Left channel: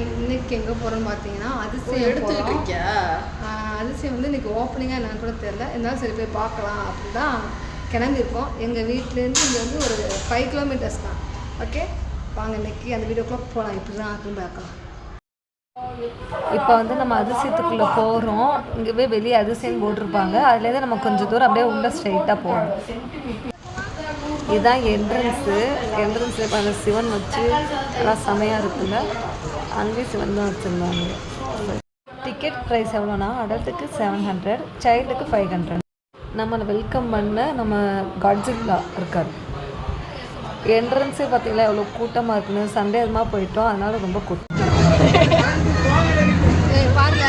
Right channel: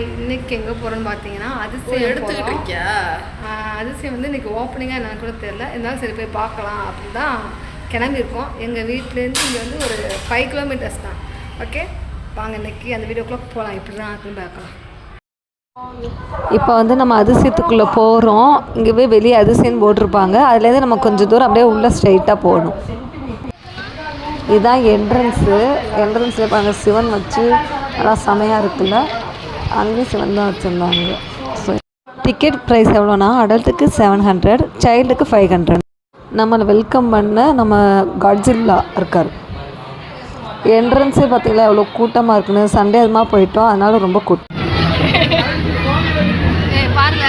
இன்னைக்கு எங்கே போகிறோன்னு பார்த்தீங்கன்னா அதிசயம் போகிறோம். அதிசயம் வந்து இன்றைக்கி ஓப்பனிங்காக என்னன்னு கூட தெரில, இருந்தாலும் சரி போய் பார்க்கலாம் அப்படி தான் கிளம்பியிருக்கோம். எங்கள் வீட்டிலேருந்து இங்கே வந்து ஒரு 5 கிலோமீட்டர்ஸ் தான். ஓகே வாங்க இன்றைக்கி அந்த வீடியோக்குள்ளே போகலாம். இப்படி தான் இருக்குன்னு பார்க்கலாம். இப்போ வந்து நம்ம அதிசயத்துக்குள்ளே போகிறோம். இங்கே வெளியே அதிசயம் போட்டிருப்பாங்க. அதுலேருந்து நம்ம கொஞ்சம் தூரம் அப்படியே உள்ளே ஸ்ட்ரைட்டாக போகணும். இதுதான் என்ட்ரன்ஸில் இப்போ அந்த சிவன் வச்சு நல்லா செமையாக இருக்குல்ல, அங்கேயும் சிவன் தான் வச்சுருந்தாங்க. ஸோ டிக்கெட் ப்ரைஸ் எவ்வளோனா அடல்ட்டுக்கு 700, சைல்டுக்கு 500. நம்மளை வெல்கம் பண்ண நம்ம காட்ஜில்லா இருக்கார். என்ட்ரன்ஸே பார்த்திங்களா எவ்வளோ கூட்டமாக இருக்குன்னு. சண்டே அதுமாக போயிட்டோம், அதனால ரொம்ப கூட்டம். பாருங்க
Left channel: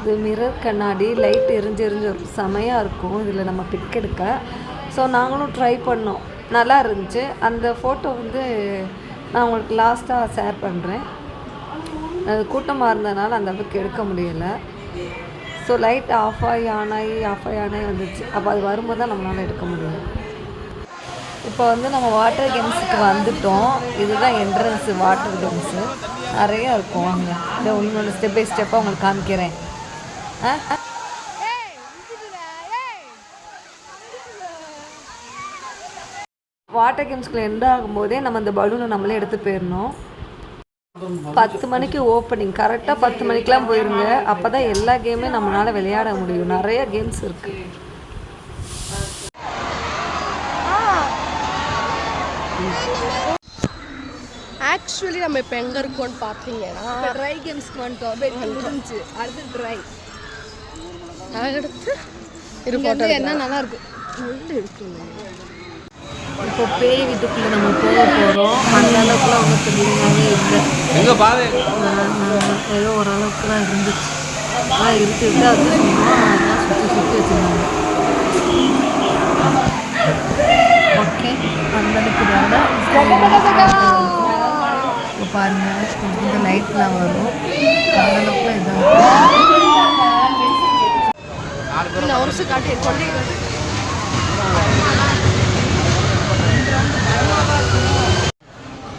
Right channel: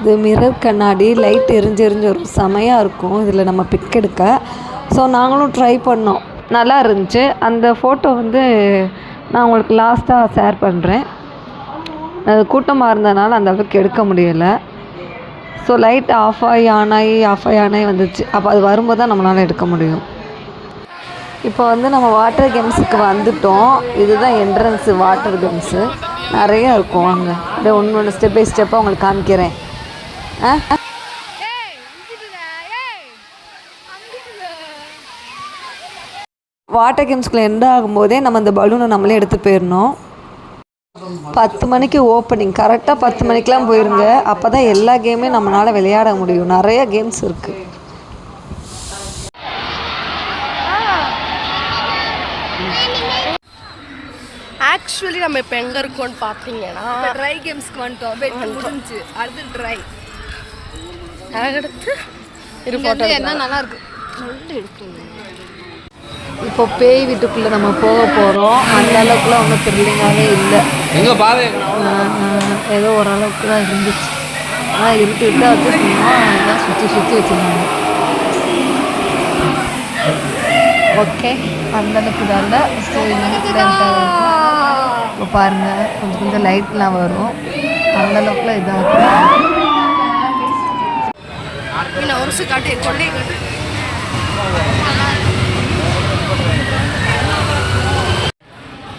இது மிரர் கண்ணாடி, லைட் எரிஞ்சு ஒரு செமையாக இருக்கும் இதில் நம்ம பிக் எடுக்க. ஸோ நாங்களும் ட்ரை பண்ணோம், நல்லா இருந்துச்சு. அந்த ஃபோட்டோ வந்து நான் உங்களுக்கு லாஸ்ட்டாக ஷேர் பண்ணுறேன். அது கூட்டமாக இருந்ததுனால அந்த அளவுக்கு எடுக்க முடியலை. ஸோ லைட் ஆஃப் ஆகி வந்துச்சு. அப்போ அது வரும்போது தான் நம்மளால் எடுக்க முடியும். இப்போ வந்து நம்ம வாட்டர் கேம்ஸுக்கு வந்துட்டோம். இதுதான் என்ட்ரன்ஸு வாட்டர் கேம்ஸு, நிறையா இருக்கும் அங்கே. அப்படியே ஒன்று ஸ்டெப் பை ஸ்டெப்பாக உங்களுக்கு காமிக்கிறேன். வாட்டர் கேம்ஸ்குள்ளே எண்ட் ஆகும்போதே நம்ம இந்த பலூனை நம்மளே எடுத்து போயிடணும். 10 மணிக்கு ஓப்பனிங், கரெக்டாக 10 மணிக்கெலாம் போயிருங்க. அப்போ தான் எல்லா கேமே நம்மளால் விளையாட முடியும். நிறைய கேம்ஸ் இருக்குது. ஆக்சுவலி நம்ம இப்போ எங்கே இருக்கோம்னு பார்த்தீங்கன்னா ட்ரை கேம்ஸ்க்கு வந்துட்டோம். முடிஞ்சு அடுத்து ட்ரை. அடுத்து என்ன நல்லா இருக்கு இப்போ பேய் வீட்டுக்குள்ளே நம்ம போக போகிறோம். அந்த அளவுக்குலாம் ஒன்றும் த்ரில்லிங்காகவே இல்லை. ஏதோ ஓரளவுக்கு தான் இருந்துச்சு. ஆனால் இருட்டு அது சும்மா சுற்றி வச்சுருந்தாங்க. ஓகே அந்தளவுக்கு தான். இப்போ பாருங்கள் கொஞ்சம் லைட்லாம் வரும். அந்தளவுக்குலாம் இதாக இருக்கும். ஒரு காட்டு கொண்டே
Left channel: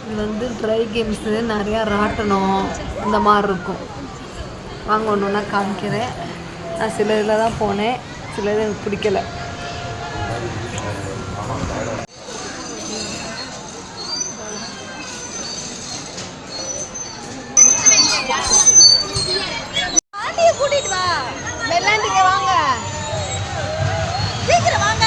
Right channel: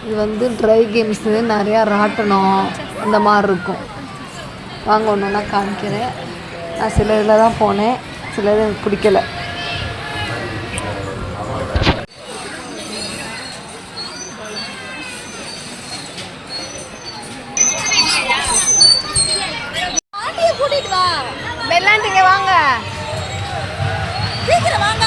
இது வந்து ட்ரை கேம்ஸு, நிறையா ராட்டணும் இந்த மாதிரி இருக்கும். வாங்க ஒன்று ஒன்றா காமிக்கிறேன். நான் சில இதில் தான் போனேன், சில இது எனக்கு பிடிக்கலை. வெள்ளாண்டிங்க வாங்க சீக்கிரம் வாங்க.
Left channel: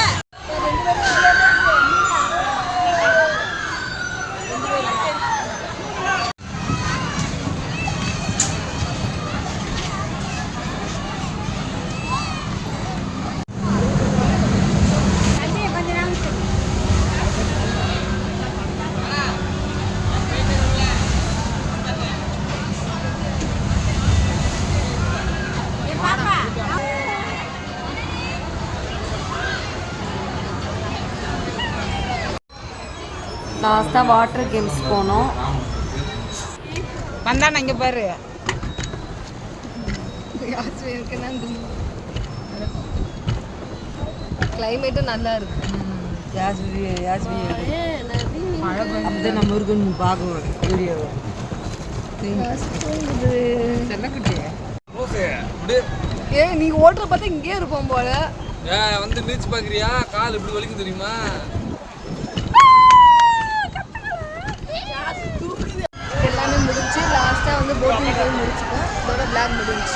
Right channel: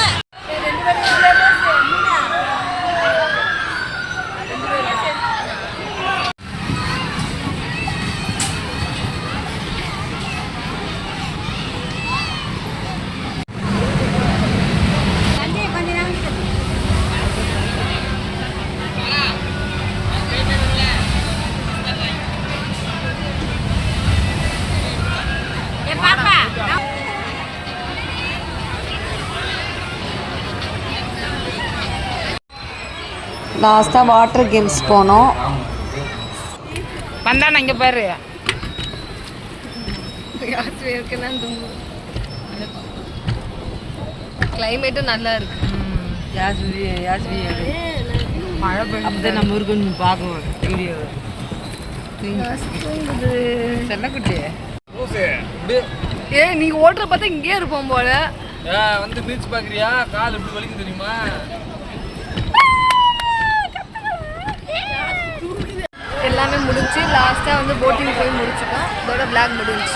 லாஸ்ட்டாக வாட்டர் கேம்ஸ் போனோம். வந்தானே இங்கே பாரு, கிளைமேட்டும் நல்லா இருக்கு. அப்படி நம்ம இருக்குன்னு பார்க்கணும் வீடியோ. நீங்க ஓட்டுற பார்த்தா இங்கே இருப்போம் போல. வந்து பீச் பார்க்குறியா? கால் இப்படி வலிக்கும் தெரியுமா? எல்லாமே முடிச்சு லாஸ்ட்டாக வந்து போட்டிங் போய் முடிச்சுட்டோம். இதோட விளாக் முடிஞ்சு.